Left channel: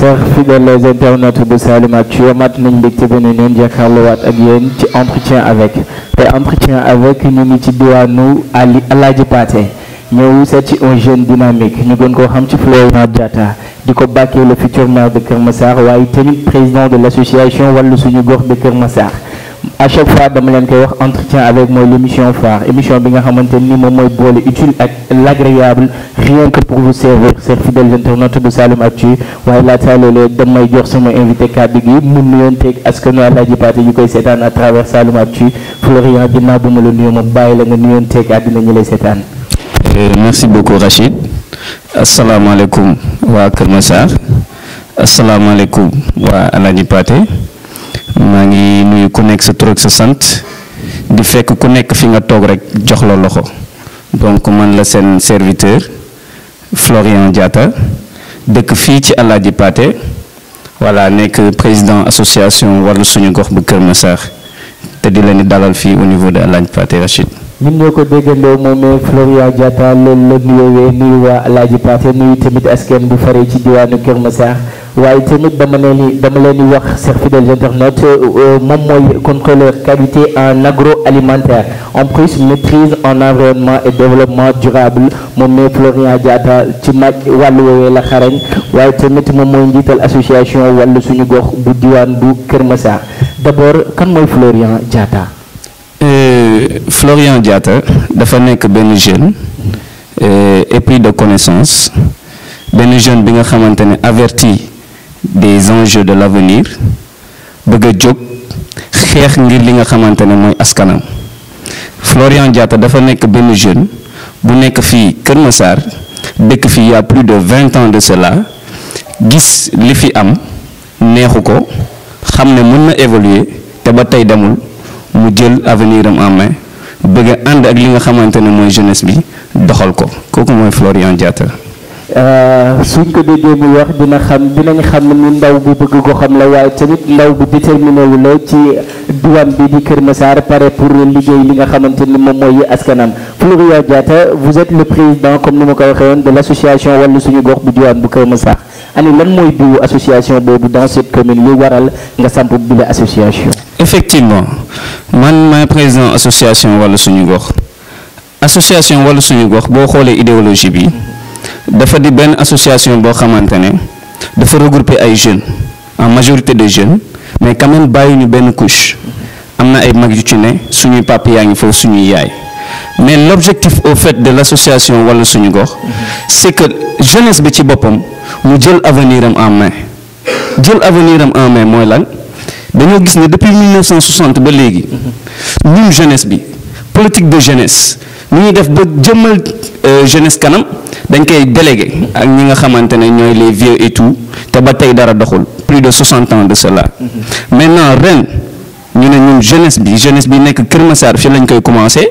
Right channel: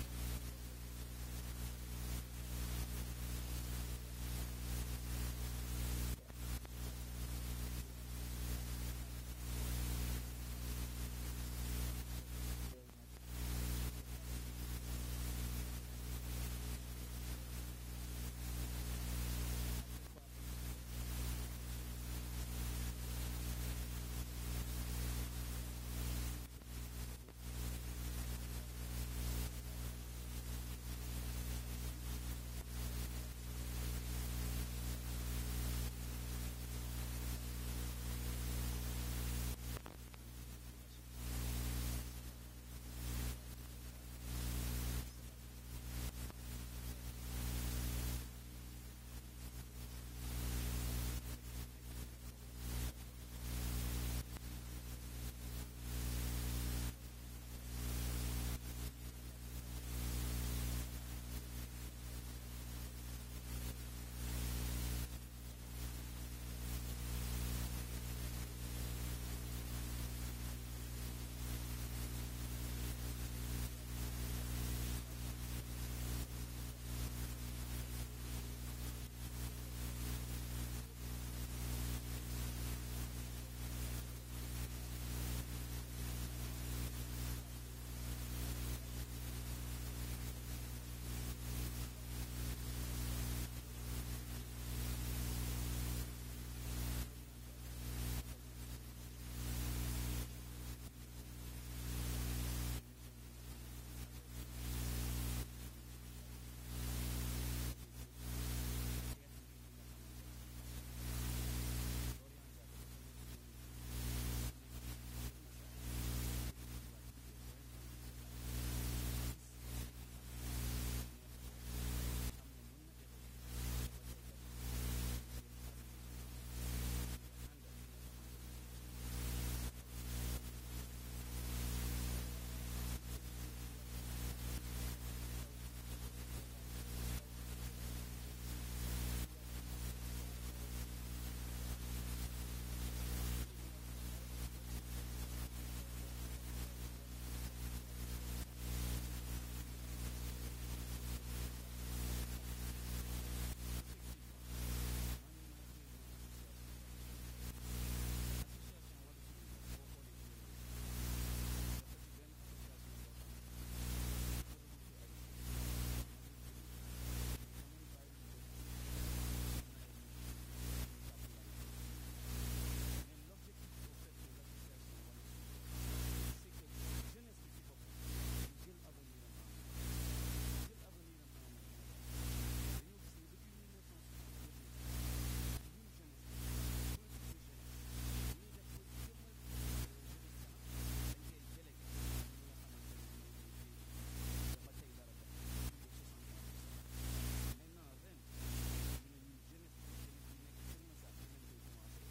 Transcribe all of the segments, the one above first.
chers fidèles internautes bu Saloum Actu mat nañ mbégte beneen yoon jàkkaarloowaat ak yéen ci entretien avec ñu ngi ci diwaanu Alaaji Pathé ñëw seet ci un jeune dynamique ñu gën koo xam ci Florian Diatta di ko bàkkee le futur maire de Kër Massar waaye tamit président de l'association Wallu Suñu Gox de Kër Massar. À chaque fois dama leen koy wax entretien avec mooy l'émission phare émission bi nga xamante ni moom mooy boole utile ak l'agréable rien que pour vous servir chers fidèles internautes de Saloum Actu waaye laata loolu damay jox sama invité kàddu gi mu nuyonteeg askanu Alaaji Pathé ñu koy seetaan à travers Saloum Actu Florian ginnaaw bu ma la nuyoo ma bàyyi la nga nuyonteeg àddina ñu lay seetaan. Merci beaucoup Rachid. Asalaamaaleykum waa Kër Massar asalaamaaleykum waa Alaaji Pathé. maa ngi nuyu ku nekk sa tur ak sa sant di fekk ku nekk fi nga toog rek jox la loxo donc man la seen serviteur Florian Diatta dëkk fii ci Alaaji Pathé voilà nekk président association Wallu Suñu Gox bu Kër Massar te di leen di dalal fii au niveau de Alaaji Pathé Rachid. ñun ñoo ko déggandoo moom Florian Diatta loolu la nuyoowee nuyu waa Alaaji Pathé nuyu tamit askan bu faree ci diwaanu Kër Massar waaye tamit dama leen di wax chers fidèles internautes moom mooy contrôleur qualité en agroalimentaire en plus maîtrise en environnement et développement durable moom mooy Florian Diatta ci wàllu woowee la xarañ waaye tamit moom mooy njiital association Wallu Suñu Gox bu diwaan bu Kër Massar d'abord kan mooy Florian Diatta. Florian Diatta dafa nekk benn jeune épris de connaissance benn jeune bi nga xamante ne averti des enjeux de l'avenir bëgg a jóg xeex ngir li nga xamante ne mooy askanam Florian Diatta dafa nekk benn jeune bu nekk fii Kër Massar dëkk fii il y a plus de 20 ans de cela gis li fi am neexu ko xam ne mën na évoluer te ba tey demul mu jël avenir am en main bëgg a ànd ak li nga xamante ne mooy jeunesse bi doxal ko kooku mooy Florian Diatta. suñ ko déggee muy wax dinañ xam ni ndaw bu bëgg ko xam la waaye tamit ndaw bu déterminé wu la ci diwaan bi di Kër Massar pare pour liggéey li nga xamante ni moom mooy askanam. Florian Diatta vous êtes le président comme ni ma ko waxee woon de l'association Wallu Suñu Gox bu diwaan bu Kër Massar ani lan mooy biwu association boobu dans cette commune li waral nga samp bi la association. effectivement man maay président association Wallu Suñu Gox association Wallu Suñu Gox boo xoolee idéologie bi. dafa di benn association boo xamante ne dafa regrouper ay jeunes en majorité de jeunes mais quand même bàyyi ñu benn couche am na ay mag yu ci ne suñuy papa yaa ngi foofu suñuy yaay mais l'objectif au fait de l'association Wallu Suñu Gox c'est que jeunesse bi ci boppam mu jël avenir am en main mooy lan dañoo gis ne depuis 1960 ba léegi ñun jeunesse bi politique de jeunesse ni ñuy def ba jëmmal jeunesse kanam dañ koy délégué ak ñi nga xamante ne ñooy les vieux et tout te ba tey dara doxul plus de 60 ans de cela maintenant ren ñu ne ñun jeunesse bi nekk Kër Massar fi lañ koy commencer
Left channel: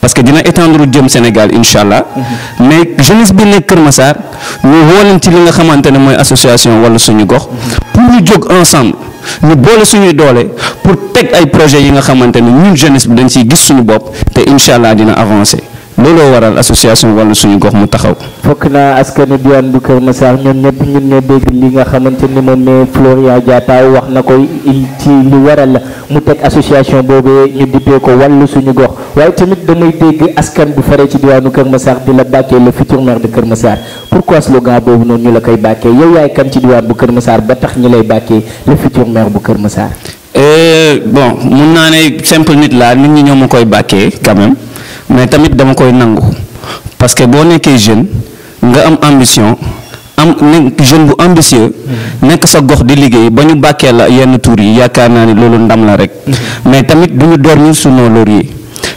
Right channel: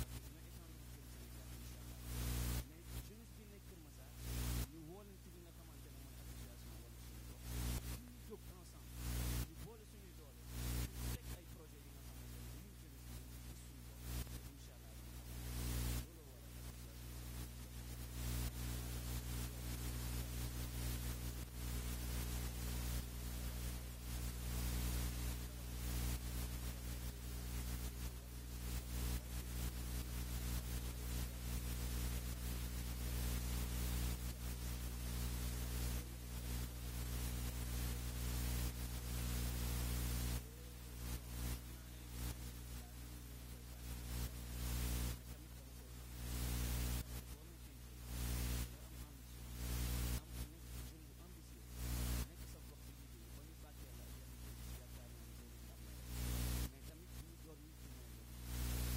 parce que dina étendre jëm Sénégal incha allah mais jeunesse bi nekk Kër Massar ñu woo leen ci li nga xamante ne mooy association Wallu Suñu Gox pour ñu jóg ensemble ñu boole suñuy doole pour teg ay projets yi nga xamante ne ñun jeunesse bi dañ ciy gis suñu bopp te incha allah dina avancer looloo waral association Wallu Suñu Gox mu taxaw. fokk naa askanu diwaan bu Kër Massar ñun ñoo dégg li nga xamante ni moom ne Florian Diatta wax na ko ci li waral mu teg association boobu ñu dippee ko Wallu Suñu Gox waaye tamit damay dégg askan bu faree ci diwaanu Kër Massar di la bàkkee le futur maire de Kër Massar pourquoi slogan boobu noonu ñu la koy bàkkee yow yaay kan ci diwaan bu Kër Massar ba tax ñu lay bàkkee le futur maire bu Kër Massar. bon mun naa ne simple nit laa nit ñi ñoo ma koy bàkkee quand même. mais tamit dama koy nangu parce que boo nekkee jeune nga am ambition nekk jeune bu ambitieux nekk sa gox di liggéey ba ñu bàkkee la yenn tour yi yaakaar naa ni loolu ndam la rek mais tamit du ñu dormir sur nos lauriers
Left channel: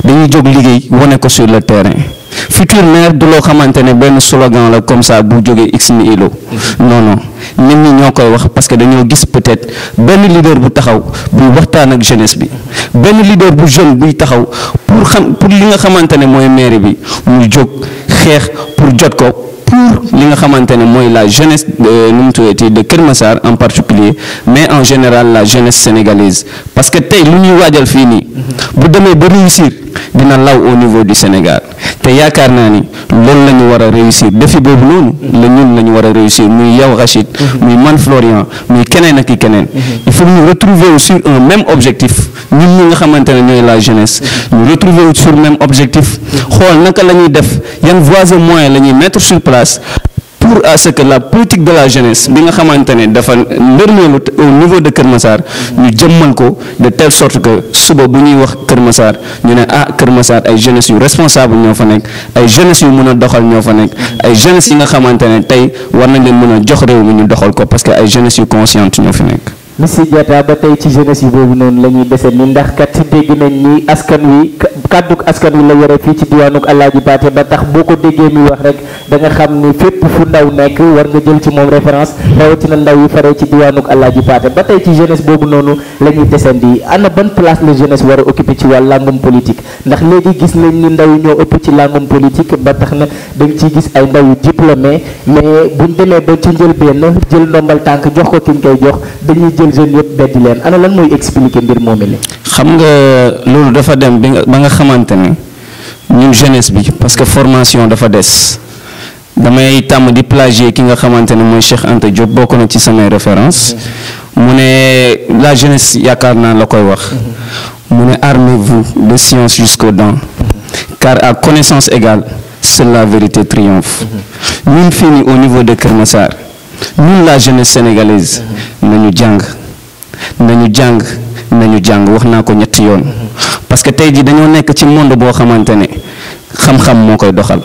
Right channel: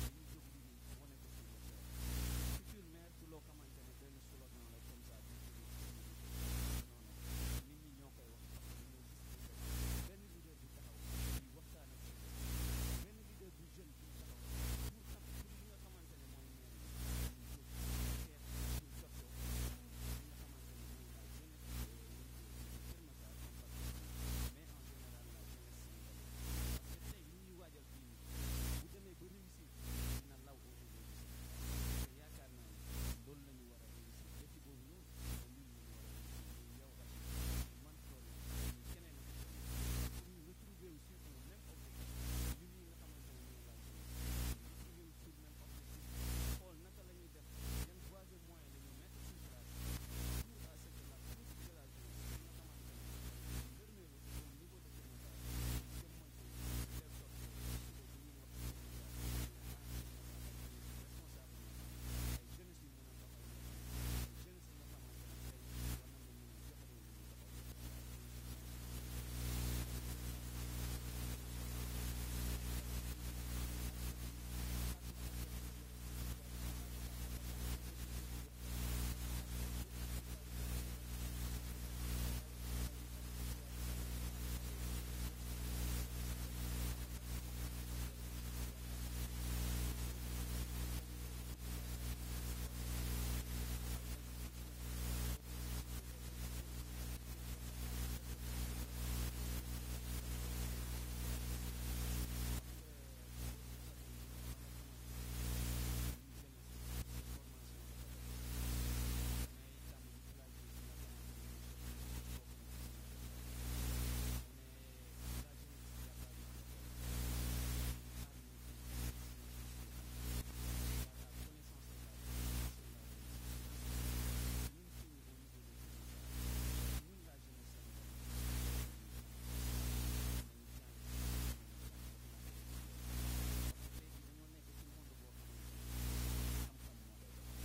dañuy jóg liggéey wane ko sur le terrain futur maire du loo xamante ne benn slogan la comme ça bu jógee x ni ilo non nit ñi ñoo koy wax parce que dañoo gis peut-être benn leader bu taxaw buy waxtaan ak jeunesse bi benn leader bu jeune buy taxaw pour li nga xamante ne mooy mairie bi mu jóg xeex pour jot ko pour li nga xamante ne mooy la jeunesse nu mu tuddati de Kër Massar en particulier mais en général la jeunesse sénégalaise parce que tey lu ñuy waajal fii nii bu demee ba réussir dina law au niveau du Sénégal te yaakaar naa ni loolu la ñu war a réussir défi boobu noonu la ñun la ñu war a réussir muy yow Rachid muy man Florian muy keneen ak i keneen il faut ñu retrouver sur un même objectif ñun ñi nga xamante ne ñooy la jeunesse ñu retrouver sur même objectif xool naka la ñuy def yan voies et moyens la ñuy mettre sur place pour à ce que la politique de la jeunesse bi nga xamante ne dafa ndërmeelu au niveau de Kër Massar ñu jëmmal ko de telle sorte que suba bu ñuy wax Kër Massar ñu ne ah Kër Massar ay jeunesse yu responsable ñoo fa nekk ay jeunesse yu mën a doxal ñoo fa nekk ay jeunesse yi nga xamante ne tey war nañ leen mën a jox réew mi ñu doxal ko parce que ay jeunesse yu consciente ñoo fi nekk. Monsieur Diatta ba tey ci jeunesse yi boobu noonu la ñuy dese ni ndax kat dégg nañ ni askan wi kàdduk askan wi la yore fii ci diwaanuk Alaaji Paate ba tax boo ko déggee muy wax rek da nga xam ni fépp fu ndaw nekk war nga jël ci moom référence rawatina ndaw yi faree ci diwaanuk Alaaji Paate ba tey ci jeunesse boobu noonu la ñuy desandi ana ban place la jeunesse war a occuper ci wàllu làngum politique ndax léegi gis nañ ni ndaw yi ñoo ëpp ci làngum politique ba tax na da nga ciy gis ay ndaw yu diplômé mais buñ demee ba ci njëlbéen jël ndombal tànk jox ko ki ñu koy jox dañuy jël jeunes yëpp beddi leen ana lan mooy expliquer mbir moomi la. xam nga loolu dafa dem ba nga xamante ne ñun jeunesse bi parce que formation dafa des damay tàmm di plagier ki nga xamante ne mooy Cheikh Anta Diop bokk na ci samay référence mu ne la jeunesse yaakaar naa la koy wax mu ne armez-vous de science jusqu'aux dents car à connaissance égale seule la vérité triomphe ñun fii nii au niveau de Kër Massar ñun la jeunesse sénégalaise nañu jàng wax naa ko ñetti yoon parce que tey jii dañoo nekk ci monde boo xamante ne xam-xam moo koy doxal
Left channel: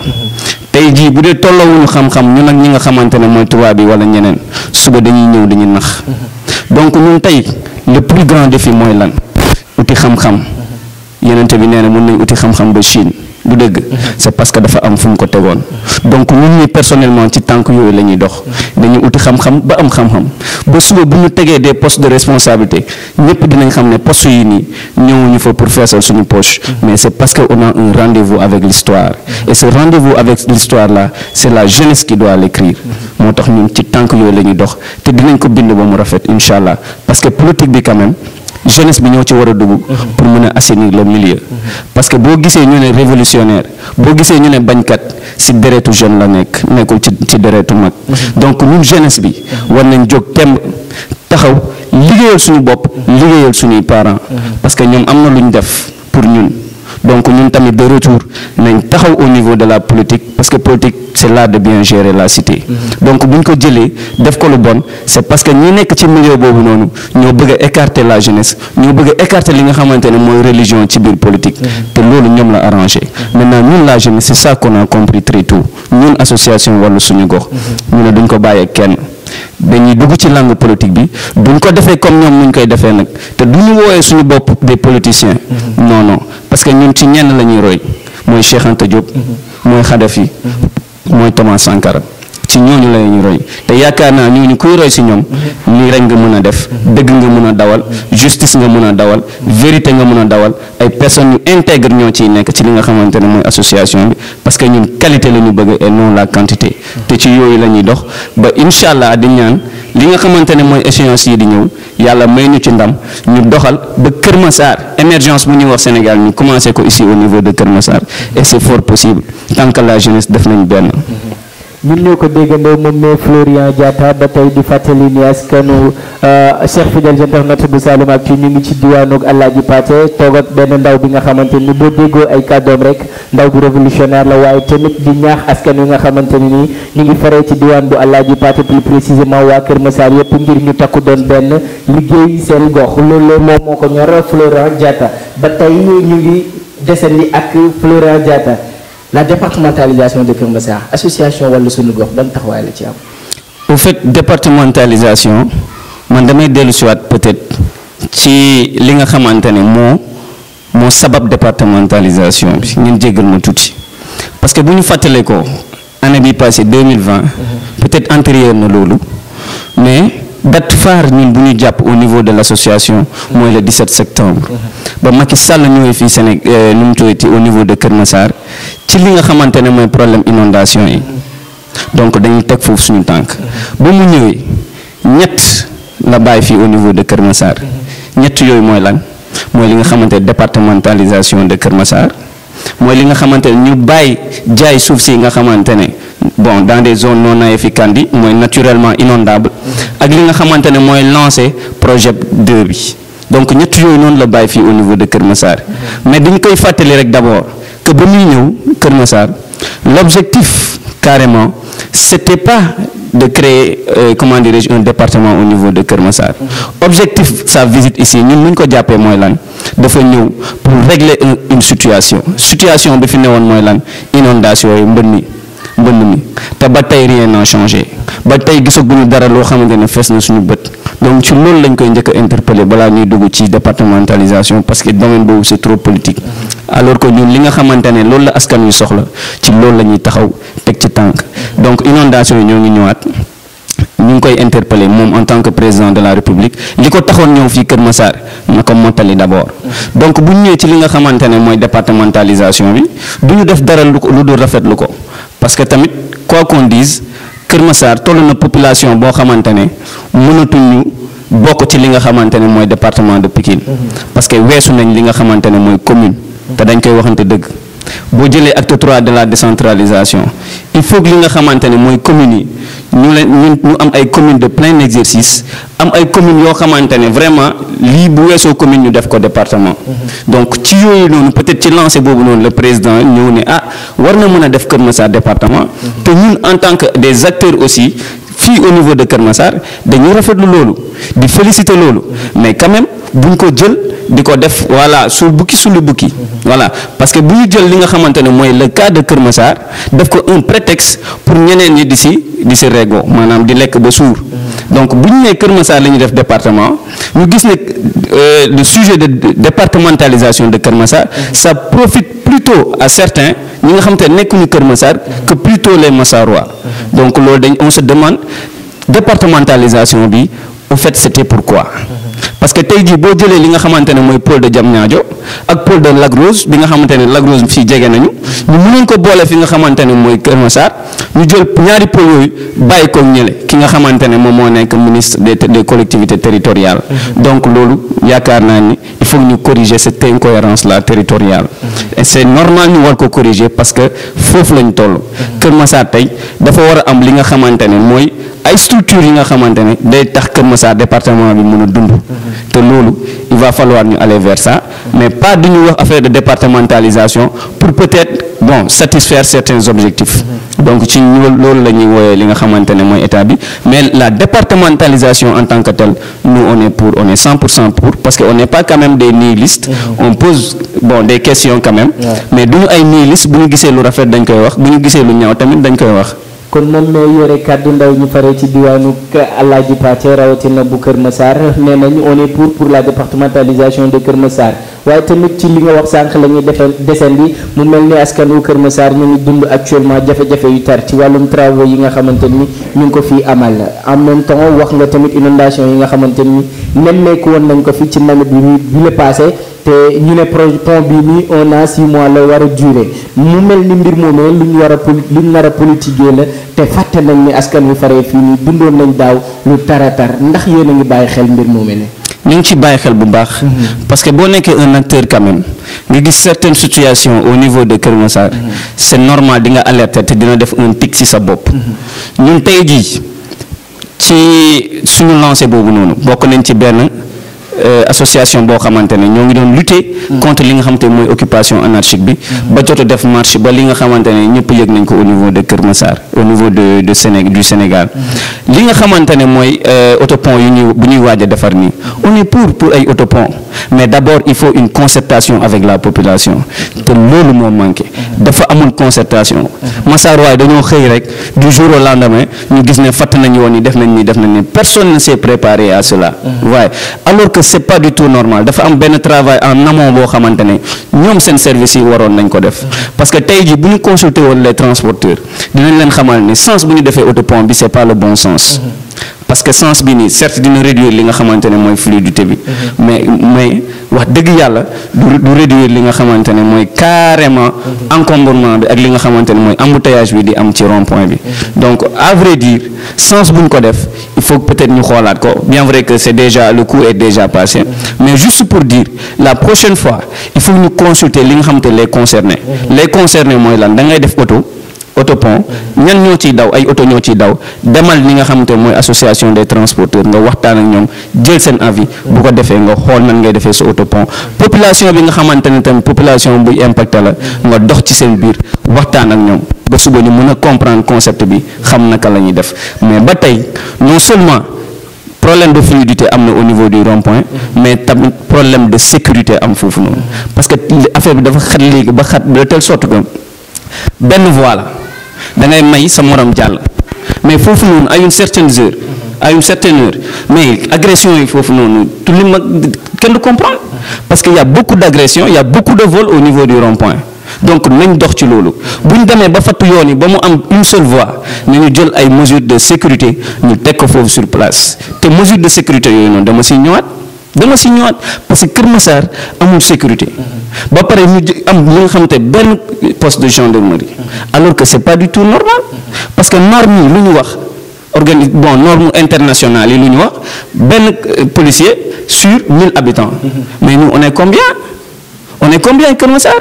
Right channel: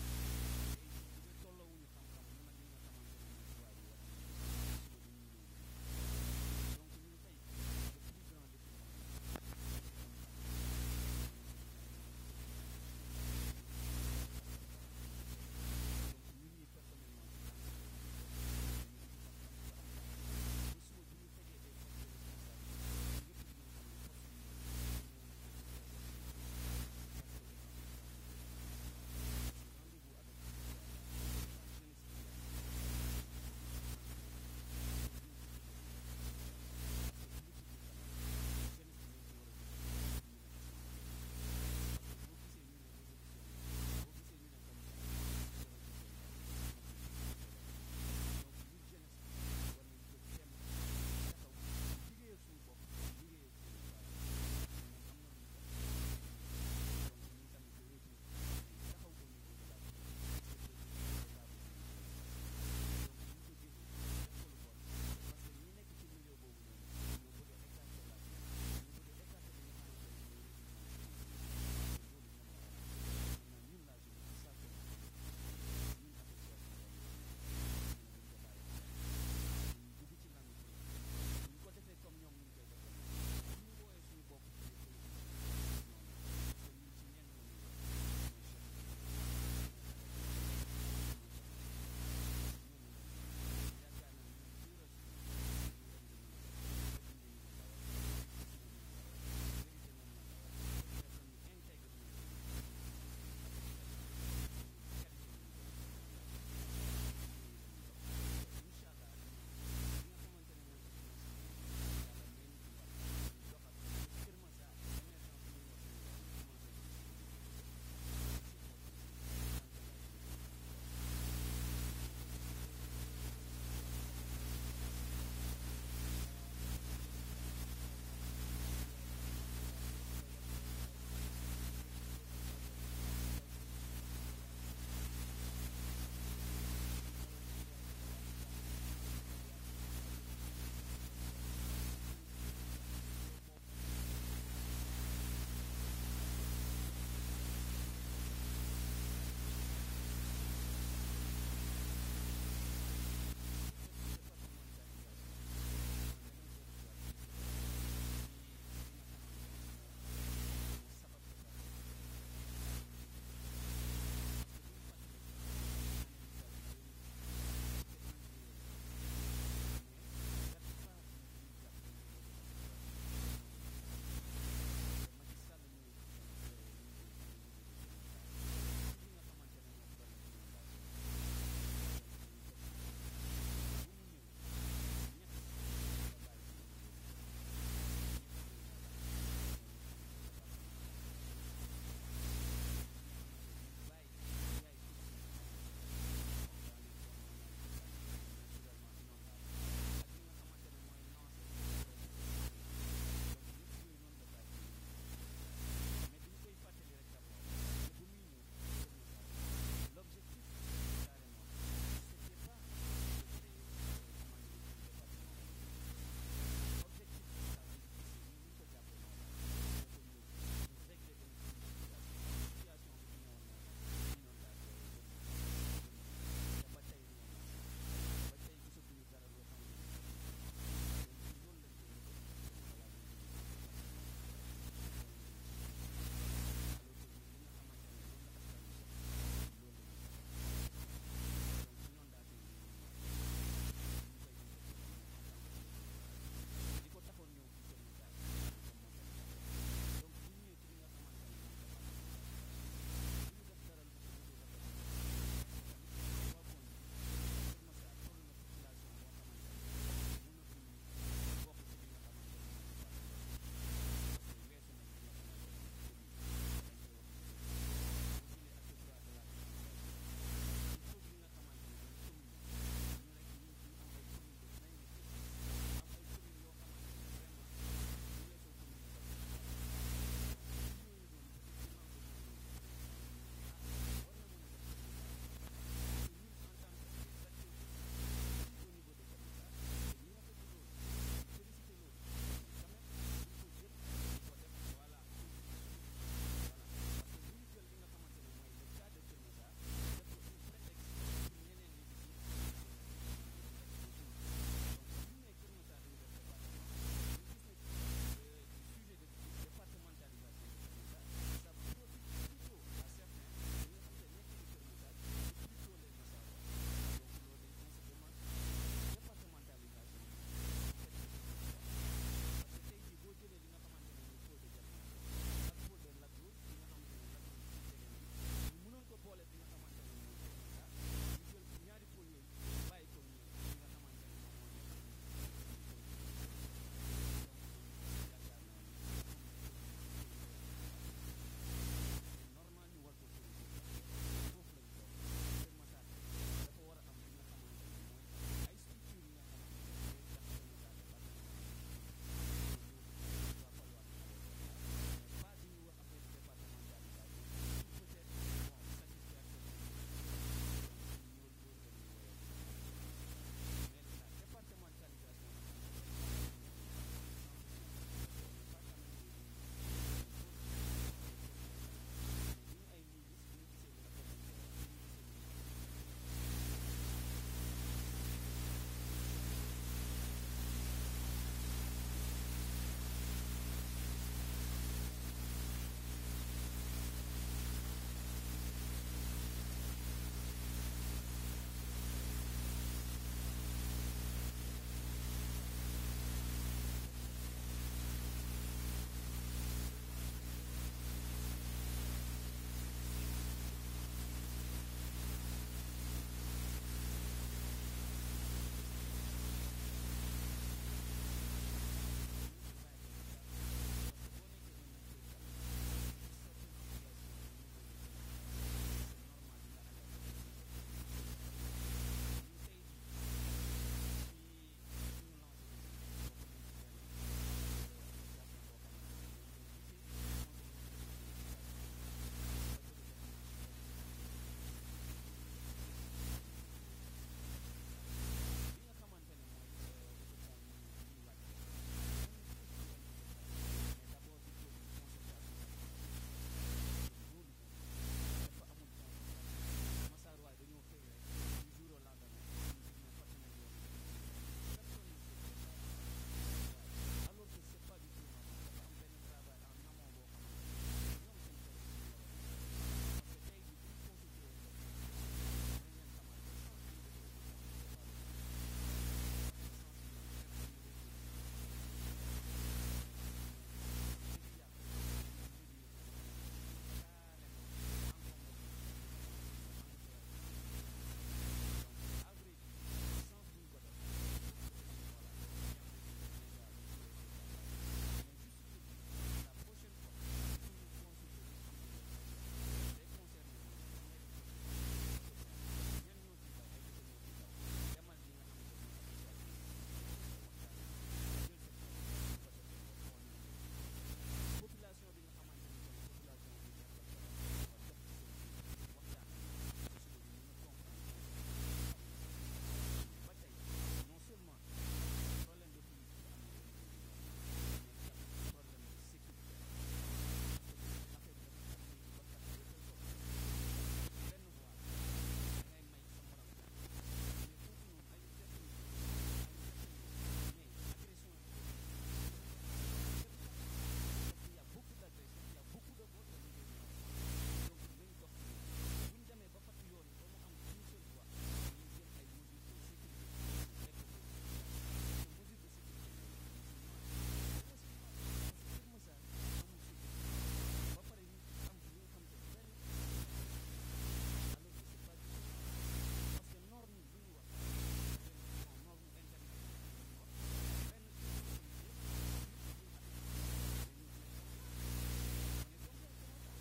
tey jii bu dee tolloowuñu xam-xam ñun ak ñi nga xamante ne mooy tubaab bi wala ñeneen suba dañuy ñëw dañuy nax donc ñun tey le plus grand défi mooy lan uti xam-xam yenente bi nee na mën nañ uti xam-xam ba Chine du dëgg c'est parce que dafa am fu mu ko tegoon donc ñun ñi personnellement ci tànk yooyu la ñuy dox dañuy uti xam-xam ba am xam-xam ba suba bu ñu tegee des postes de responsabilité ñëpp dinañ xam ne postes yi nii ñëwuñu fa pour feesal suñu poche mais c'est parce que on a un rendez-vous avec l'histoire et ce rendez-vous avec l'histoire là c'est la jeunesse qui doit l'écrire moo tax ñun ci tànk yooyu la ñuy dox te dinañ ko bind ba mu rafet incha allah parce que politique bi quand même jeunesse bi ñoo ci war a dugg pour mën a assainir le milieu parce que boo gisee ñu ne révolutionnaire boo gisee ñu ne bañkat ci deretu jeune la nekkul ci deretu mag donc ñun jeunesse bi war nañ jóg temb taxaw liggéeyal suñu bopp liggéeyal suñuy parents parce que ñoom am na lu ñu def pour ñun donc ñun tamit de retour nañ taxaw au niveau de la politique parce que politique c'est l'art de bien gérer la cité donc buñ ko jëlee def ko lu bon c'est parce que ñi nekk ci milieu boobu noonu ñoo bëgg a écarter la jeunesse ñoo bëgg a écarter li nga xamante ne mooy religion ci biir politique te loolu ñoom la arrangé maintenant ñun la jeunesse c'est ça qu'on a compris très tôt ñun association Wallu Suñu Gox ñu ne duñ ko bàyyee kenn dañuy dugg ci langue politique bi duñ ko defee comme ñoom nuñ koy defee nag te duñu woowee suñu bopp des politiciens non parce que ñun ci ñenn la ñuy roy mooy Cheikh Anta Diop mooy Khadafi mooy Thomas Sankara ci ñooñu la ñuy roy te yaakaar naa ñooñu kuy roy si ñoom lii rek nga mën a def dëgg nga mën a dawal justice nga mën a dawal vérité nga mën a dawal ay personnes yu intègre ñoo ciy nekk ci li nga xamante ne mooy association bi parce que ñun qualité la ñu bëgg et non la quantité te ci yooyu la ñuy dox ba incha allah di ñaan li nga xamante ne mooy échéance yi di ñëw yàlla may ñu ci ndam ñu doxal ba Kër Massar émergence bu ñuy wax Sénégal ñu commencé ko ici au niveau de Kër Massar et c'est fort possible tant que la jeunesse def nañ benn. ñun ñoo ko déggandoo moom ne Florian Diatta ba tey di fàttali ni askanu Cheikh fidèles internautes bu Saloum Actu ñu ngi ci diwaanu Alaaji Paate toog ak benn ndaw bi nga xamante ni boo déggoo ay kàddoom rek ndaw bu révolutionnaire la waaye tamit di ñaax askan wi nga xamante ni nii ñu ngi faree ci diwaan bu Alaaji Paate plus précisément waa Kër Massar yëpp ngir ñu takku doon benn liggéey seen gox loolu moom moo ko ñor Florian Diatta ba tey ñu ngi desandi ak Florian Diatta. La départementalisation de Kër Massar association Wallu Suñu Gox ban taxawaay la ci am. au fait départementalisation man damay dellu si waat peut-être ci li nga xamante ne moo sabab départementalisation bi ngeen jéggal ma tuuti parce que bu ñu fàttalee ko année bi passée 2020 peut-être antérieur na loolu mais date phare ñun bu ñu jàpp au niveau de l'association mooy le 17 septembre ba Macky Sall ñëwee fii Sénégal nu mu tuddati au niveau de Kër Massar ci li nga xamante ne mooy problème inondation yi donc dañuy teg foofu suñu tànk ba mu ñëwee ñett la bàyyi fii au niveau de Kër Massar ñett yooyu mooy lan mooy li nga xamante départementalisation de Kër Massar mooy li nga xamante ne ñu bàyyi jaay suuf si nga xamante ne bon dans des zones non aedificandi mooy naturellement inondable ak li nga xamante ne mooy lancé projet 2 bi donc ñett yooyu noonu la bàyyi fii au niveau de Kër Massar mais dañ koy fàttali rek d'abord que ba muy ñëw Kër Massar l'objectif carrément c'était pas de créer comment dirais-je un département au niveau de Kër Massar objectif sa visite ici ñun ñu ko jàppee mooy lan dafa ñëw pour régler une situation bi fi newoon mooy lan inondation yi mbënn mi te ba tey rien n'a changé ba tey gisaguñu dara loo xamante ne fees na suñu bët donc ci loolu lañ koy njëkk a interpeller balaa ñuy dugg ci départementalisation parce que domaine boobu c'est trop politique alors que ñun li nga xamante ne loolu la askan wi soxla ci loolu la ñuy taxaw teg ci tànk donc inondation yi ñoo ngi ñëwaat ñu ngi koy interpeller moom en tant que président de la République li ko taxoon ñëw fii Kër Massar na ko mottali d'abord donc bu ñu ñëwee ci li nga xamante ne mooy départementalisation bi du ñu def dara lu dul rafetlu ko parce que tamit quoi qu'on dise Kër Massar toll na population boo xamante ne mënatuñu bokk ci li nga xamante ne mooy département de Pikine parce que weesu nañ li nga xamante ne mooy commune te dañ koy waxante dëgg boo jëlee acte 3 de la décentralisation il faut que li nga xamante ne mooy communes yi ñu am ay communes de plein exercice am ay communes yoo xamante ne vraiment lii bu weesoo commune ñu def ko département donc ci yooyu noonu peut-être ci lancé boobu noonu le président ñëw ne war na mën a def Kër Massar département te ñun en tant que des acteurs aussi fii au niveau de Kër Massar dañuy rafetlu loolu di féliciter loolu mais quand même buñ ko jël di ko def voilà suul bukki suulu bukki voilà parce que bu ñu jël li nga xamante ne mooy le cas de Kër Massar def ko un prétexte pour ñeneen ñi di si rego maanaam di lekk ba suur donc bu ñu nee Kër Massar la ñuy def département ñu gis ne le sujet de départementalisation de Kër Massar ça profite plutôt à certains ñi nga xamante ne nekkuñu Kër Massar que plutôt les Massarois donc loolu on se demande départementalisation bi au fait c'était pourquoi parce que tey jii boo jëlee li nga xamante ne mooy pôle de Diamniadio ak pôle de Lac Rose bi nga xamante ne Lac Rose fii jege nañu ñu mënoon ko boole fi nga xamante ne mooy Kër Massar ñu jël ñaari pôle yooyu bàyyi ko ñële ki nga xamante ne moom moo nekk ministre des collectivités territoriales donc loolu yaakaar naa ni il faut ñu corriger cette incohérence là territoriale et c'est normal ñu war ko corriger parce que foofu lañ toll Kër Massar tey dafa war a am li nga xamante ne mooy ay structures yi nga xamante ne day tax Kër Massar département bi mën a dund te loolu il va falloir ñu aller vers ça mais pas du ñu wax affaire de départementalisation pour peut-être bon satisfaire certains objectifs donc ci loolu la ñuy wooyee li nga xamante ne mooy état bi mais la départementalisation en tant que telle nous on est 100% pour parce que on n'est pas quand même des nihilistes on pose bon des questions quand même mais duñu ay nihilistes bu ñu gisee lu rafet dañ koy wax bu ñu gisee lu ñaaw tamit dañ koy wax. kon moom moo yore kàddu ndaw ñu fare ci diwaanu Alaaji Pathé rawatina bu Kër Massar nee nañu on est pour la départementalisation de Kër Massar waaye tamit ci li nga wax sànq la ñuy descendi mu mel ni askan wu Kër Massar ñu ngi dund actuellement jafe-jafe yu tar ci wàllum travaux yi nga xamante ni ñu ngi ko fii amal en même temps wax nga tamit inondation yi nga xamante ni nemmeeku woon nañ ko fi ci nawet bi la passé te ñu ne pont bii nii on a 6 mois la war a durer mu mel ni mbir moomee lu ñu nar a politiquer la te fàtte nañ ni askan wi faree fii nii dundoon nañ daaw lu taratar ndax yéen a ngi bàyyi xel mbir moomee ne ñu ngi ci bàyyi xel bu baax parce que boo nekkee un acteur quand même nga gis certaines situations au niveau de Kër Massar c'est normal di nga alerter te dina def un tic ci sa bopp ñun tey jii ci suñu lancé boobu noonu bokk nañ ci benn association boo xamante ne ñoo ngi doon lutter contre li nga xamante ne mooy occupation anarchique bi ba jot a def marche ba li nga xamante ne ñëpp yëg nañ ko au niveau de Kër Massar au niveau du Sénégal li nga xamante ne mooy autopont bu ñuy waaj a defar nii on est pour ay autopont mais d'abord il faut une concertation avec la population te loolu moo manqué dafa amul concertation Massar waaye dañoo xëy rek du jour au lendemain ñu gis ne fatt nañ woon ni def nañ ni personne ne s'est préparé à cela waaye alors que c'est pas du tout normal dafa am benn travail en amont boo xamante ne ñoom seen service yi waroon nañ ko def parce que tey jii bu ñu consulter woon les transporteurs dinañ leen xamal ni sens bu ñu defee autopont bi c'est pas le bon sens parce que sens bi nii certes dina réduire li nga xamante ne mooy fluidité bi mais wax dëgg yàlla du réduire li nga xamante ne mooy carrément encombrement bi ak li nga xamante ne mooy embouteillage bi di am ci rond-point bi donc à vrai dire sens bu ñu ko def il faut peut-être ñu xoolaat ko bien vrai que c'est déjà le coup est déjà passé mais juste pour dire la prochaine fois il faut ñu consulter li nga xamante les concernés mooy lan da ngay def autopont ñan ñoo ciy daw ay auto ñoo ciy daw demal ni nga xamante mooy association des transporteurs nga waxtaan ak ñoom jël seen avis bu ko defee nga xool nan ngay defee sa autopont population bi nga xamante ne tamit population buy impacté la nga dox ci seen biir waxtaan ak ñoom ba suba ñu mën a comprendre concept bi xam naka la ñuy def mais ba tey non seulement problème de fluidité am na au niveau du rond-point mais tamit problème de sécurité am foofu noonu parce que affaire bi dafa xat léegi ba xat de telle sorte que benn voie la da ngay may sa morom jàll mais foofu noonu à une certaine heure mais agression yi foofu noonu tout li ma kenn du comprendre parce que y a beaucoup d'agressions il y a beaucoup de vols au niveau du rond-point donc nañ dox ci loolu bu ñu demee ba fattu yoon yi ba mu am une seule voie nañu jël ay mesures de sécurité ñu teg ko foofu sur place te mesures de sécurité yooyu noonu dama si ñëwaat parce que Kër Massar amul sécurité ba pare ñu am li nga xamante benn poste de gendarmerie alors que c'est pas du tout normal parce que norme yi lu ñu wax norme internationale yi lu ñu wax benn policier sur 1000 habitants mais nous on est combien Kër Massar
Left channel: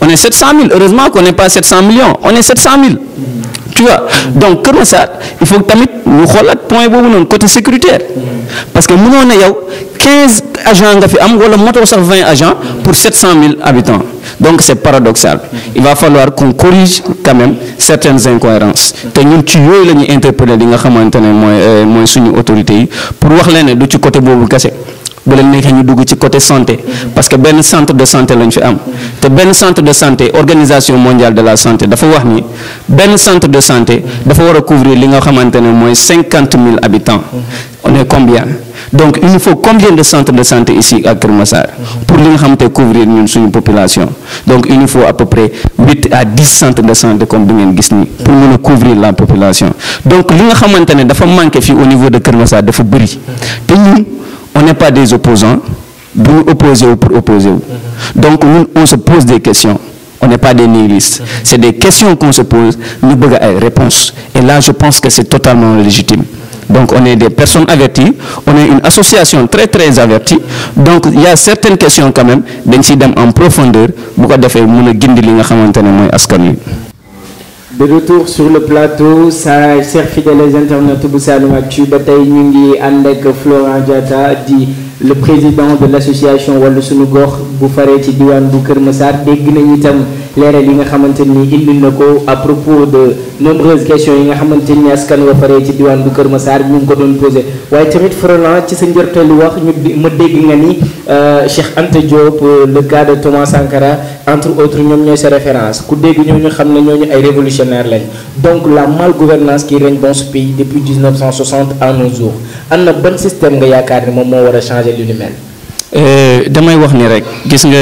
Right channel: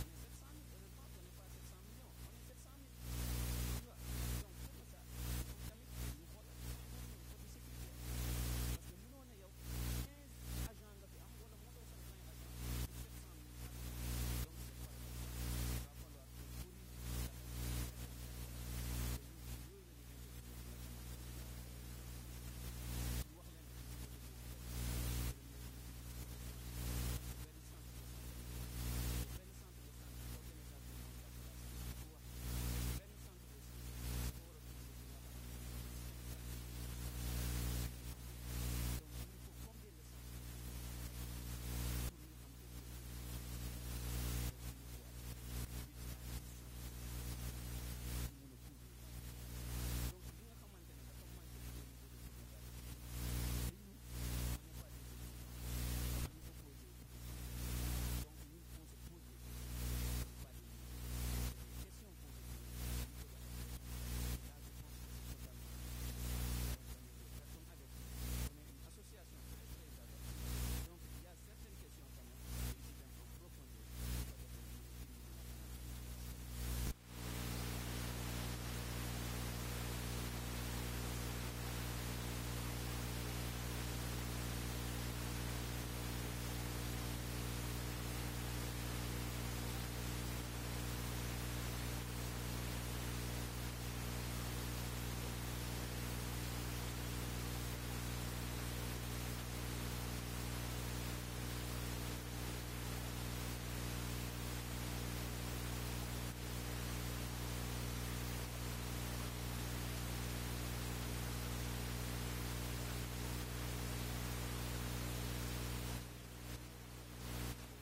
on est 700 000 heureusement qu'on n'est pas 700 millions on est 700 000 tu vois donc Kër Massar il faut tamit ñu xoolaat point boobu noonu côté sécuritaire parce que mënoo na yow 15 agents nga fi am wala moto sax 20 agents pour 700 000 habitants donc c'est paradoxal il va falloir qu'on corrige quand même certaines incohérences te ñun ci yooyu la ñuy interpeller li nga xamante ne mooy suñu autorités yi pour wax leen ne du ci côté boobu kese bu leen neexee ñu dugg ci côté santé parce que benn centre de santé lañ fi am te benn centre de santé organisation mondiale de la santé dafa wax ni benn centre de santé dafa war a couvrir li nga xamante ne mooy 50 000 habitants on est combien donc il nous faut combien de centres de santé ici à Kër Massar pour li nga xamante couvrir ñun suñu population donc il nous faut à peu près 8 à 10 centres de santé comme bi ngeen gis nii pour mën a couvrir la population donc li nga xamante ne dafa manqué fii au niveau de Kër Massar dafa bëri te ñun on n'est pas des opposants bu ñu opposé wu pour opposé wu donc ñun on se pose des questions on n'est pas des nihilistes c'est des questions qu'on se pose ñu bëgg ay réponses et là je pense que c'est totalement légitime donc on est des personnes averties on est une association très très avertie donc il y a certaines questions quand même dañ ciy dem en profondeur bu ko defee mën a gindi li nga xamante ne mooy askan wi. De retour sur le plateau ça chers fidèles internautes bu Saloum-Actu ba tey ñu ngi ànd ak Florent Diatta di le président de l'association Wallu Sunu Gox bu faree ci diwaan bu Kër Massar dégg nañu itam leeral yi nga xamante ni indi na ko à propos de nombreuses questions yi nga xamante ni askan wa faree ci diwaan bu Kër Massar ñu ngi ko doon posé waaye tamit Florent ci sa njorteelu wax ma dégg nga ni Cheikh Anta Diop le cas de Thomas Sankara entre autres ñoom ñooy sa référence ku dégg ñooñu xam ne ñooñu ay révolutionnaires lañ donc la malgouvernance qui règne dans ce pays depuis 1960 à nos jours am na ban système nga yaakaar ni moom moo war a changer lu ni mel. damay wax ni rek gis nga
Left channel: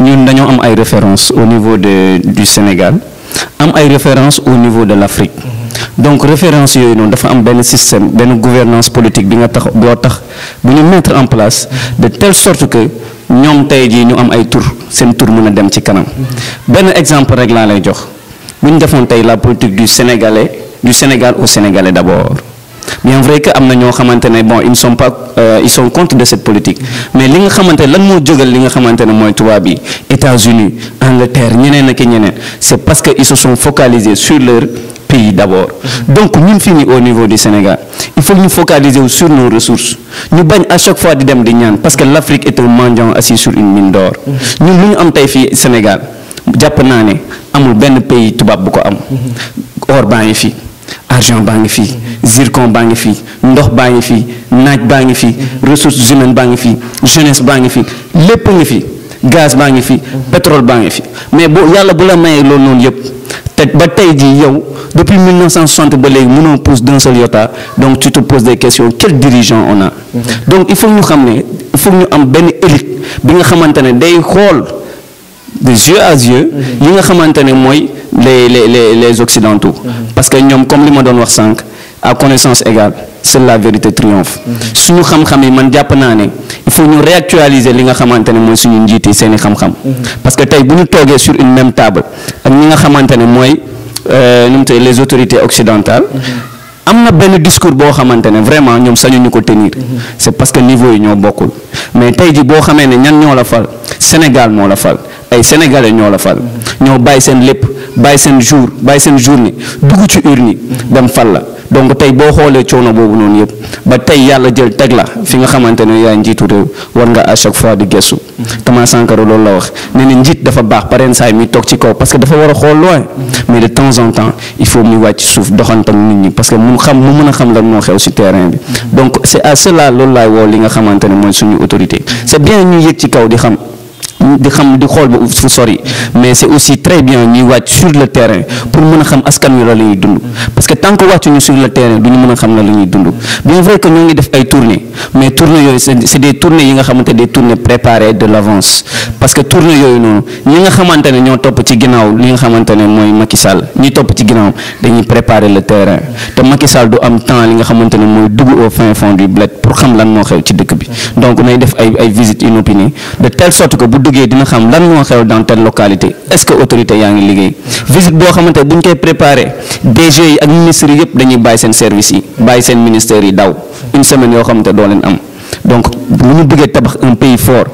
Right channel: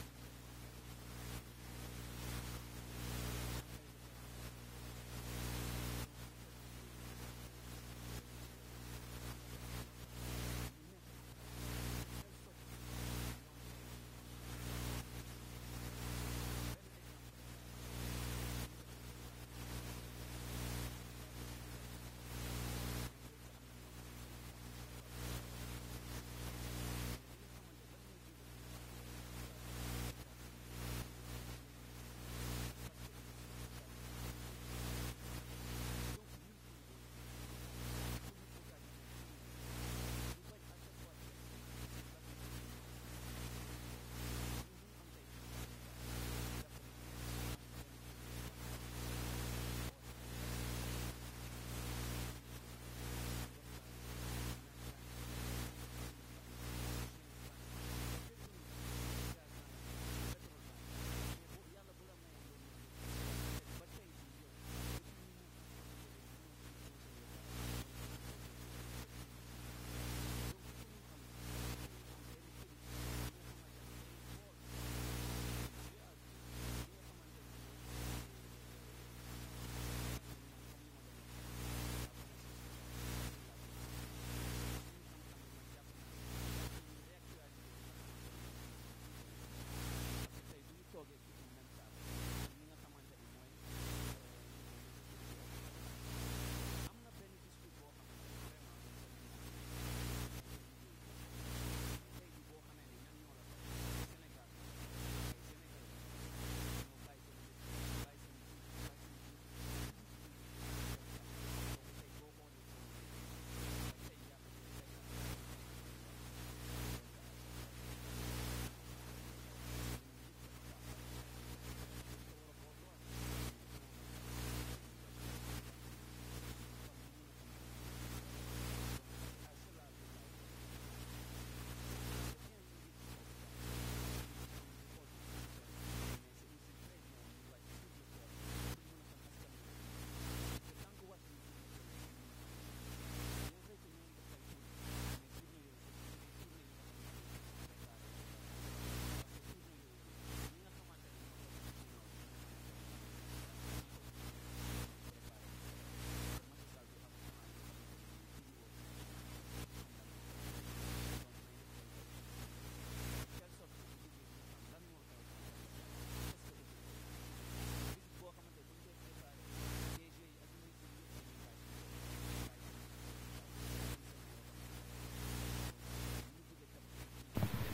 ñun dañoo am ay références au niveau du Sénégal am ay références au niveau de l'Afrique donc référence yooyu noonu dafa am benn système benn gouvernance politique bi nga tax boo tax bu ñu mettre en place de telle sorte que ñoom tey jii ñu am ay tur seen tur mën a dem ci kanam benn exemple rek laa lay jox bu ñu defoon tey la politique du Sénégal au Sénégalais d'abord bien vrai que am na ñoo xamante ne bon ils ne sont pas ils sont contre de cette politique mais li nga xamante ne lan moo jógal li nga xamante ne mooy tubaab yi États-Unis Angleterre ñeneen ak ñeneen c'est parce que ils se sont focalisés sur leur pays d'abord donc ñun fii nii au niveau du Sénégal il faut ñu focaliser sur nos ressources ñu bañ à chaque fois di dem di ñaan parce que l'Afrique est un mendiant assis sur une mine d'or ñun lu ñu am tey fii Sénégal jàpp naa ne amul benn pays tubaab bu ko am or baa ngi fii argent baa ngi fii zircon baa ngi fii ndox baa ngi fii naaj baa ngi fii ressources humaines baa ngi fii jeunesse baa ngi fii lépp ngi fii gaz baa ngi fii pétrole baa ngi fii mais bu yàlla bu la mayee loolu noonu yëpp te ba tey jii yow depuis 1960 ba léegi mënoo pousse d'un seul iota donc tu te poses des questions quel dirigeant on a donc il faut ñu xam ne il faut ñu am benn élite bi nga xamante ne day xool de yeux à yeux yi nga xamante ne mooy les occidentaux parce que ñoom comme li ma doon wax sànq à connaissance égale seule la vérité triomphe. suñu xam-xam yi man jàpp naa ne il faut ñu réactualiser li nga xamante ne mooy suñu njiit yi seeni xam-xam. parce que tey bu ñu toogee sur une même table ak ñi nga xamante ne mooy nu mu tey les autorités occidentales. am na benn discours boo xamante ne vraiment ñoom sañuñu ko tenir. c'est parce que niveau yi ñoo bokkul mais tey ji boo xamee ne ñan ñoo la fal Sénégal moo la fal ay sénégalais ñoo la fal ñoo bàyyi seen lépp bàyyi seen jour bàyyi seen journée dugg ci urne yi dem fal la donc tey boo xoolee coono boobu noonu yëpp ba tey yàlla jël teg la fi nga xamante ne yaay njiitu réew war nga à chaque fois di gëstu. Thomas Sankara loolu la wax nee na njiit dafa baax pareen saay mi toog ci kaw parce que dafa war a xool loin mais de temps en temps il faut muy wàcc suuf doxantam nit ñi parce que mu mën a xam lan moo xew ci terrain bi donc c'est à cela loolu laay woo li nga xamante ne mooy suñu autorité c'est bien ñu yëg ci kaw di xam di xool ba fu sori mais c'est aussi très bien ñuy wàcc sur le terrain pour mën a xam askan wi la ñuy dund parce que tant que wàccuñu sur le terrain du ñu mën a xam la ñuy dund bien vrai que ñoo ngi def ay tournées mais tournées yooyu c'est des tournées yi nga xamante des tournées préparées de l'avance parce que tournées yooyu noonu ñi nga xamante ne ñoo topp ci ginnaaw li nga xamante ne mooy Macky Sall ñi topp ci ginnaaw dañuy préparer le terrain te Macky Sall du am temps li nga xamante ne mooy dugg au fin fond du bled pour xam lan moo xew ci dëkk bi donc nay def ay visites inopinées de telle sorte que bu duggee dina xam lan moo xew dans telle localité est-ce que autorité yaa ngi liggéey visite boo xamante bu ñu koy préparé DG yi ak ministres yi yëpp dañuy bàyyi seen service yi bàyyi seen ministères yi daw une semaine yoo xamante doo leen am donc bu ñu bëggee tabax un pays fort.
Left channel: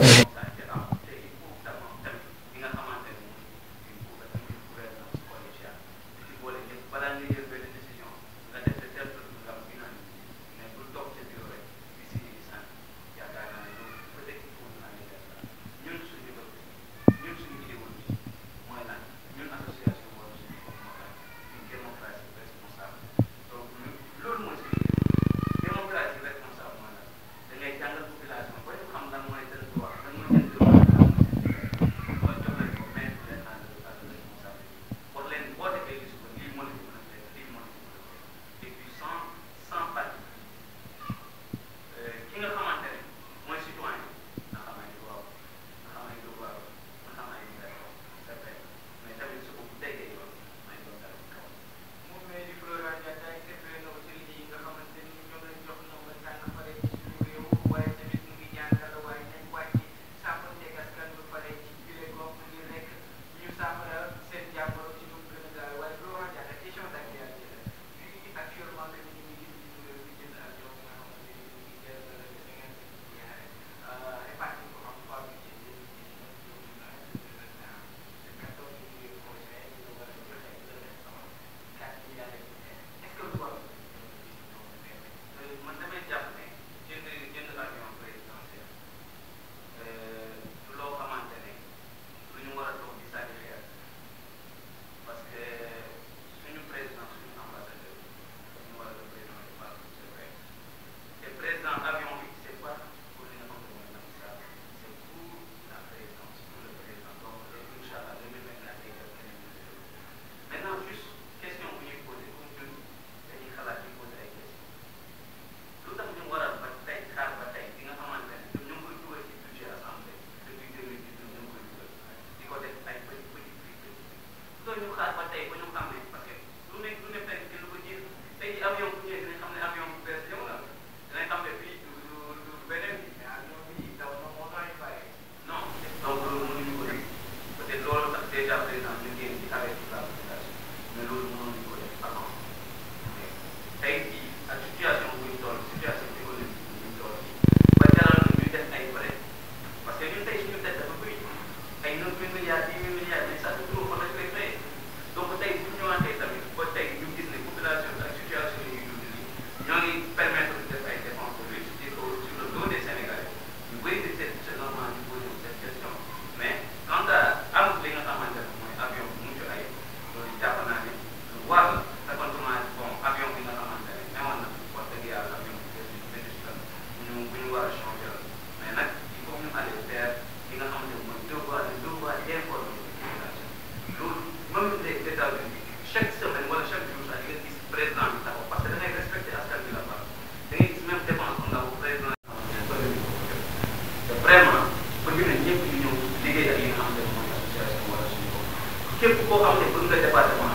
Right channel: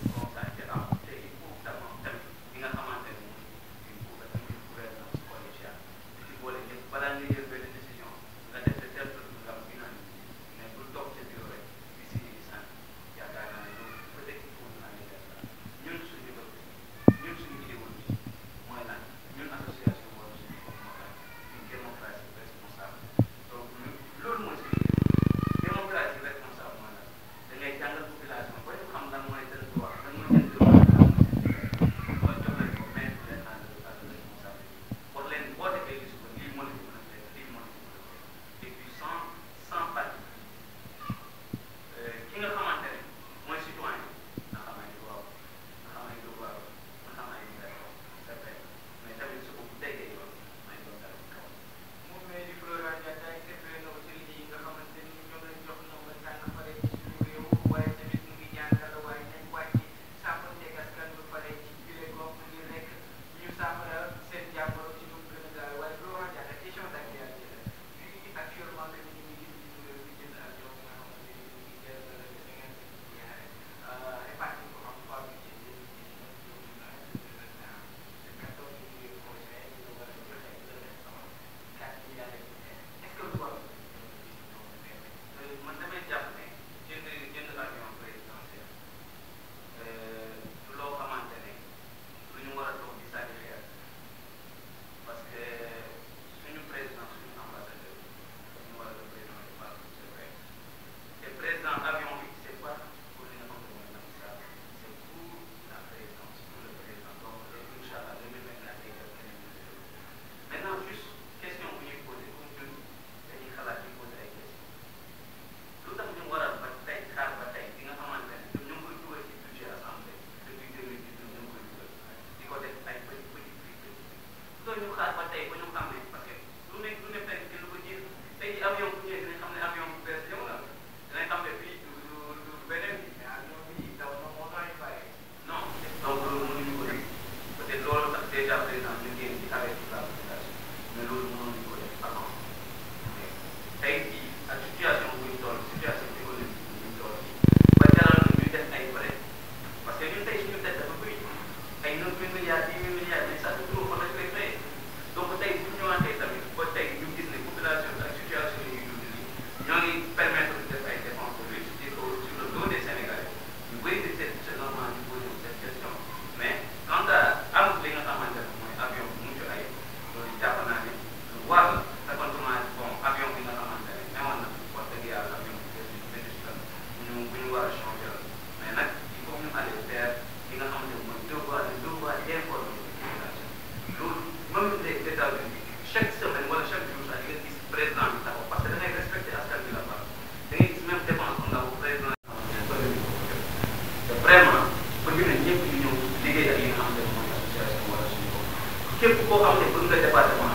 képp koo xam ne bëgg nga département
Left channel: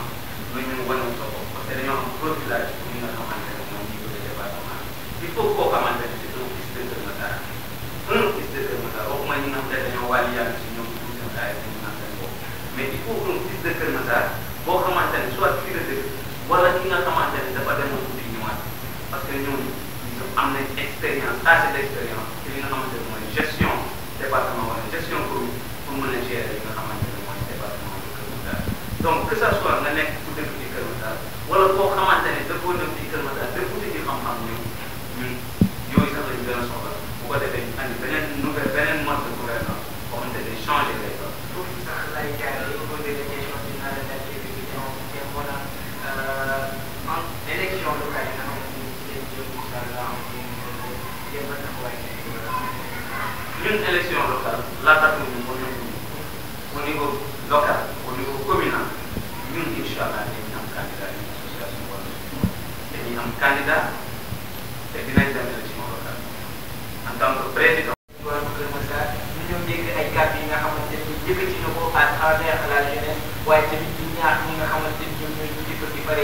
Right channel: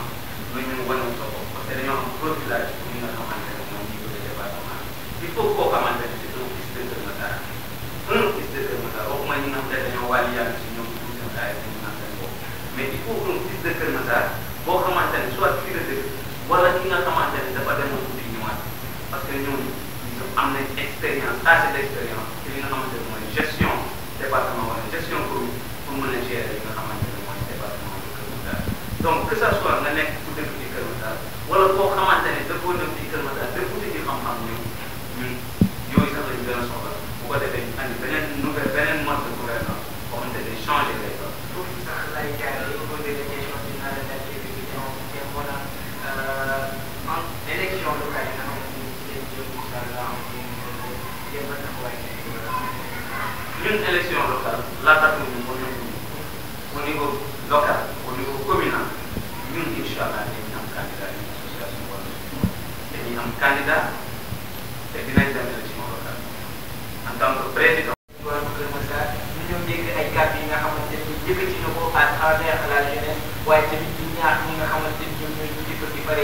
lu ñu wane sa bopp parce que dañoo am profilage pour ñi nga xamante ne mooy ñi nga xam ne dañoo wàlli yàlla si ñoom pour seen ay dañu naan seen bopp mais il faut un fils de Kër Massar boo xamante ne soit fii la dëkk wala ki nga xamante ne dafa demoon uti ñëwaat parce que ñooñu am nañ expérience assez d'expérience ci li nga xamante ne mooy gestion département wala gestion commune pour mën a gérer li nga xamante ne mooy département de Kër Massar donc que ça soit nga nekk ku dëkk ci Kër Massar wala koo xamante ne dafoo dëkk ci Kër Massar dëkk uti ci xam-xam ñun yooyu sax lañu gën a soxla bu ko defee ñu andi beneen mode de gouvernance boo xamante ne changer les choses. foofu sax lay jaaree au niveau des questions finales en élection locale yi nga xamante ni ci lañ jëm incha allah jéem a taxawaay ñun élection locale laata ñu mën na au niveau local au niveau communal ñun incha allah dañuy am candidat yi association wala dañuy am candidat te dinañ dem élection locale en tant que président. wàllu Kër Massar ñu ñëw dégg ay kàddu yi nga xamante ni yëkkati na ko à travers la jeunesse waaye tamit di ñaax ñi nga xamante ni ñoom ñooy njëkk di pare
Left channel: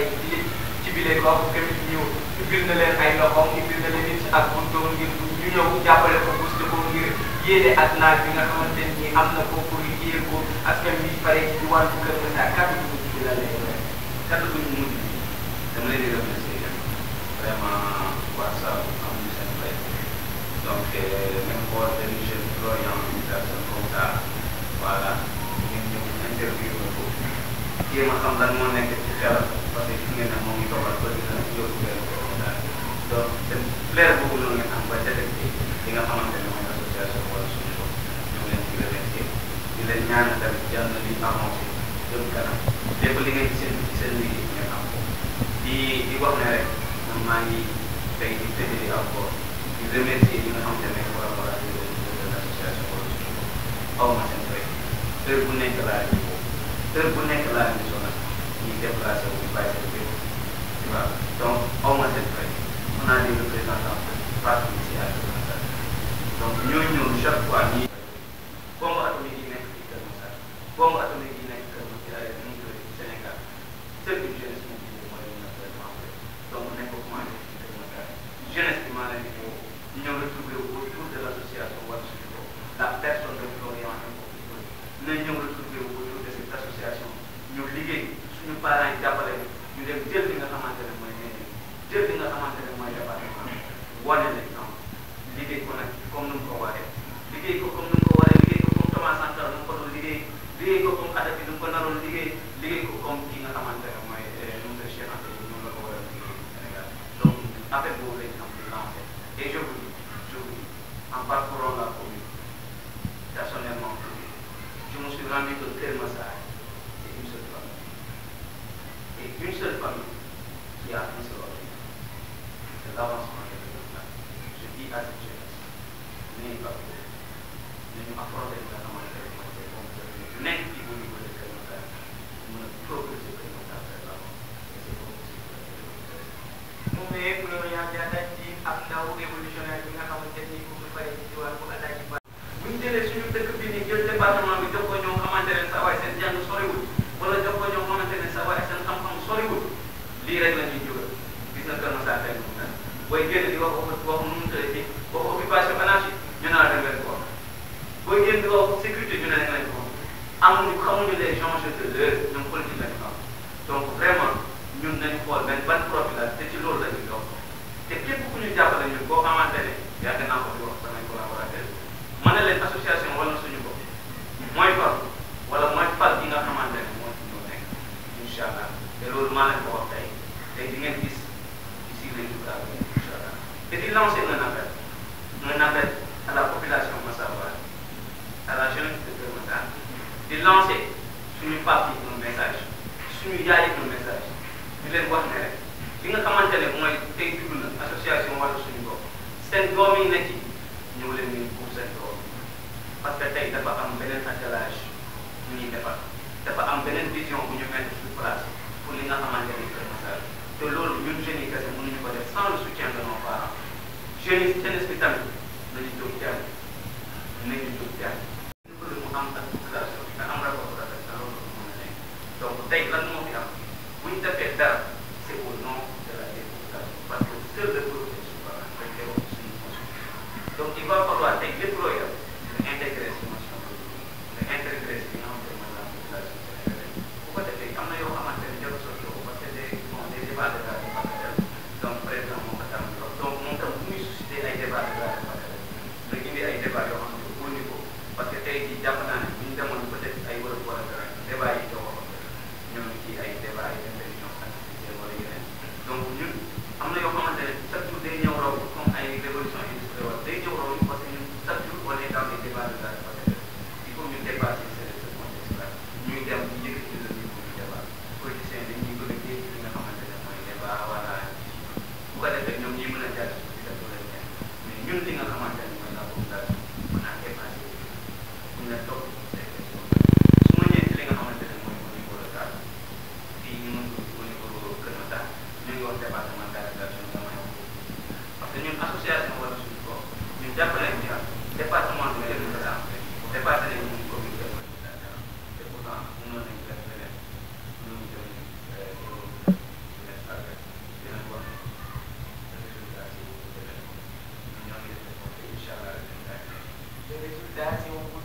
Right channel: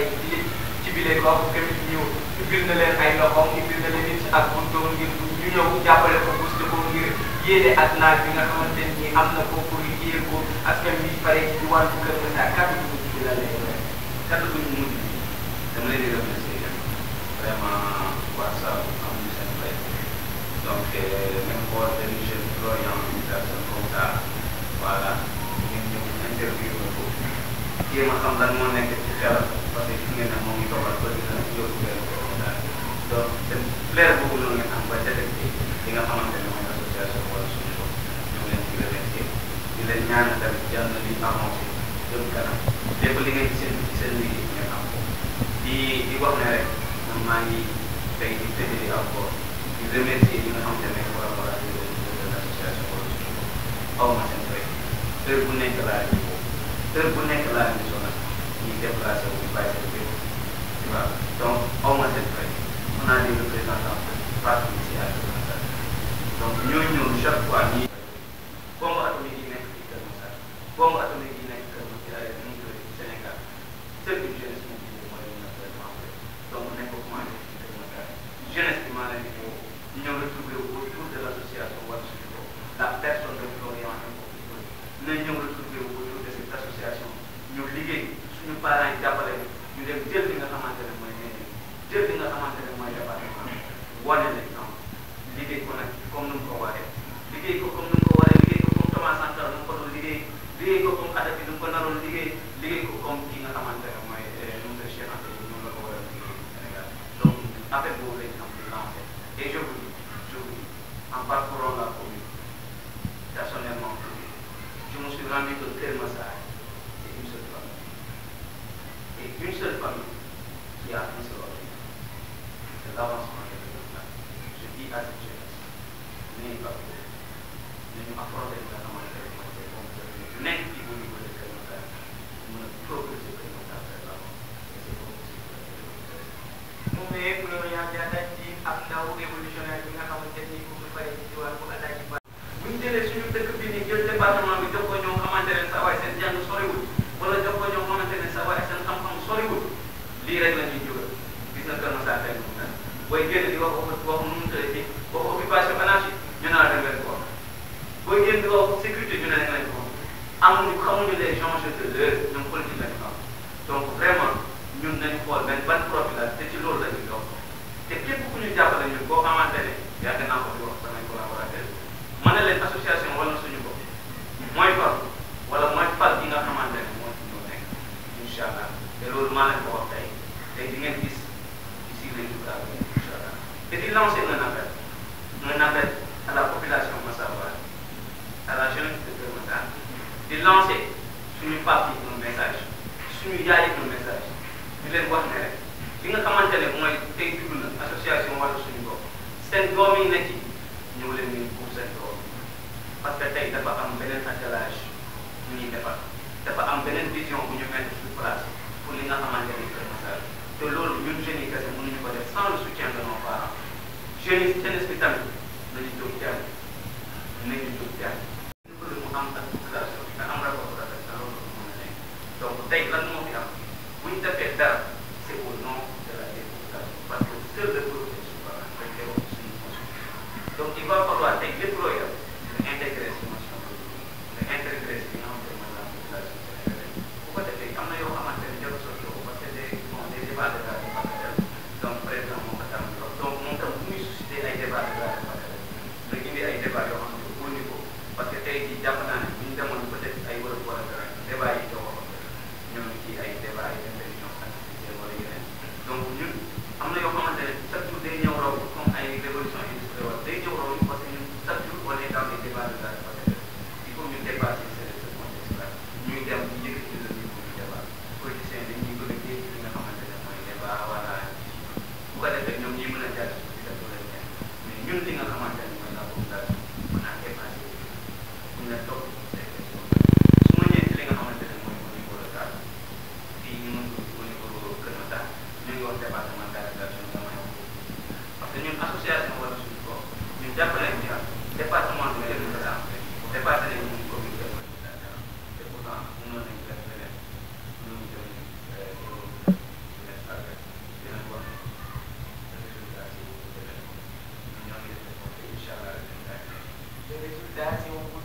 ci bile gox tamit ñu ubbil na leen ay loxoom ubbil na leen it ak buntoom ngir ñu ñëw jàppale ko booster ko ngir yéene ak naaj bi nga xamante ni am na ko pour liggéeyal ko askan wi pare ci wàllu Kër Massar kàddu gi mujj bi la lay doon. kàddu gi mujj bi dama leen di remercier vraiment waa Saalum amuñu seen fay donc même boo benn jeune Florian une personne comme ça voilà ngeen ñëw interview ko jéem a xam lan moo nekk ci xelam parce que fi ngeen ne moom ngi toogal ba dina yóbbu benn daal donc seen flair boobu noonu ngeen am ba détecté li nga xamante ne mooy association wala suñu bopp ñu ngi leen di remercier di leen ñaanal tamit yàlla na li avancé jëm kanam lépp li ngeen seen ci seen liggéey ngeen am ko di wax ne rek man maa ngi tey di fédéré encore di remercier ñi nga xamante ne collaborateur de l'association wala suñu bopp aw ma seen fay heure bu nekk laa ñu heure bu nekk laa ñu sonal ñuy déplacé wu ñu bàyyi seen bépp tu vois donc aw ma seen fay on a des représentants partout ici à Kër Massar donc ñoo ñëw chaque fois ñi bombe atomique yi nekk ci Kër Massar bombe atomique yi nekk Kër Massar ci Sénégal seule une jeunesse mobilisée mooy li ñu donc nañ ko commencé ci Kër Massar jeunesse bi maa leen di woo ñu ñëw retrouver autour de l'association wala suñu bopp la personne de Florian na ñëw retrouver autour de cette association ñu liggéey suñu parents yi jàppale ñu dem jël li nga xamante ne mooy mairie jël li nga xamante ne mooy département wane l'exemple liggéey ko nag comme nu mu ko waxee liggéey ko comme nu mu ko waree liggéey ko comme Thomas Sankara nu mu ko doon liggéey ko comme Kadhafi nu mu ko naroon liggéey ko comme ki nga xamante ne mooy monsieur Cheikh Anta Diop noonu la ko war a liggéey Sénégal donc affaire boobu lañ am di lancer et je vous dis en parcourant la commune personnellement je me suis rendu que Kër Massar c'est une seule famille et une seule famille qui a un seul objectif c'est l'avancement de Kër Massar je dis à cette jeunesse n'ayez pas peur nañu affronter li nga xamante ne mooy ces compétences yu nekk ci au niveau de Kër Massar mën a proposer Kër Massar vers l'avant et c'est possible. mu ngi Florian Diatta ci ab ndaw révolutionnaire bi nga xamante ni mu ngi pare ci wàllu Alaaji Ba. bu ñu jëlee suñu dëkk bi ni jël département bi jox ko ñoo xamante ne sa waay seen jàng soriwul wala jox ko ñoo xamante ne sa waay seen xam-xam soriwul lii rek la ñuy jógal gis na Kër Massar tey mu mel booy génn di wax nu mu tëddee ci wax occupation anarchique ñu naan da ngeen ko wax booy génn di wax sécurité ñu ne da ngeen ko wax xamuñu les enjeux de l'heure ñoom politique la ñu xam donc vraiment ñun nañu xool benn ban profil la te ci loolu la ñuy dox te képp ku ñu jàppale ñun boo xamante ne yàgg naa ko di wax samay collaborateur mën na leen association wala suñu bopp mooy fal wala mooy fal gi nga xamante ne moo ci ñoo nekk incha allah te loolu maa leen ko wax tey di ngeen gis ici les jours à venir incha allah te di lancer un appel à la population massaroise à la jeunesse de Kër Massar di lancer suñu parti un message suñu yaay un message di leen wax ne rek li nga xamante ne mooy tey dugg na association wala suñu bopp seen doom yi nekk ñëw leen ngeen pour seen doom parce que tey dafa am beneen attelage bu ñuy defar dafa am beneen vision bu ñu mettre sur place pour li nga xamante ne Kër Massar te loolu ñun jeunes yi kese mënuñu ko def sans le soutien de nos parents jeunes yi jeunesse bi tamit nañu jóg jàng nañu jóg jàng pour mu am ak population bi nga am rapport bu rafet na loolu mën a nekk donc tey lan moo fi am bu ñu defee dara c'est au nom de la population parce que seul le peuple est souverain dañ koy wax suñu constitution donc il va falloir tey lépp looy def nga intégrer jàpp nañ ci département bi kenn du ko daan dépassé nañ ñu commune de te pourtant mënoon nañ def leneen ñu ngi jëm dinañ wax résultat si ñoo ngi def incha allah les résultats si on vous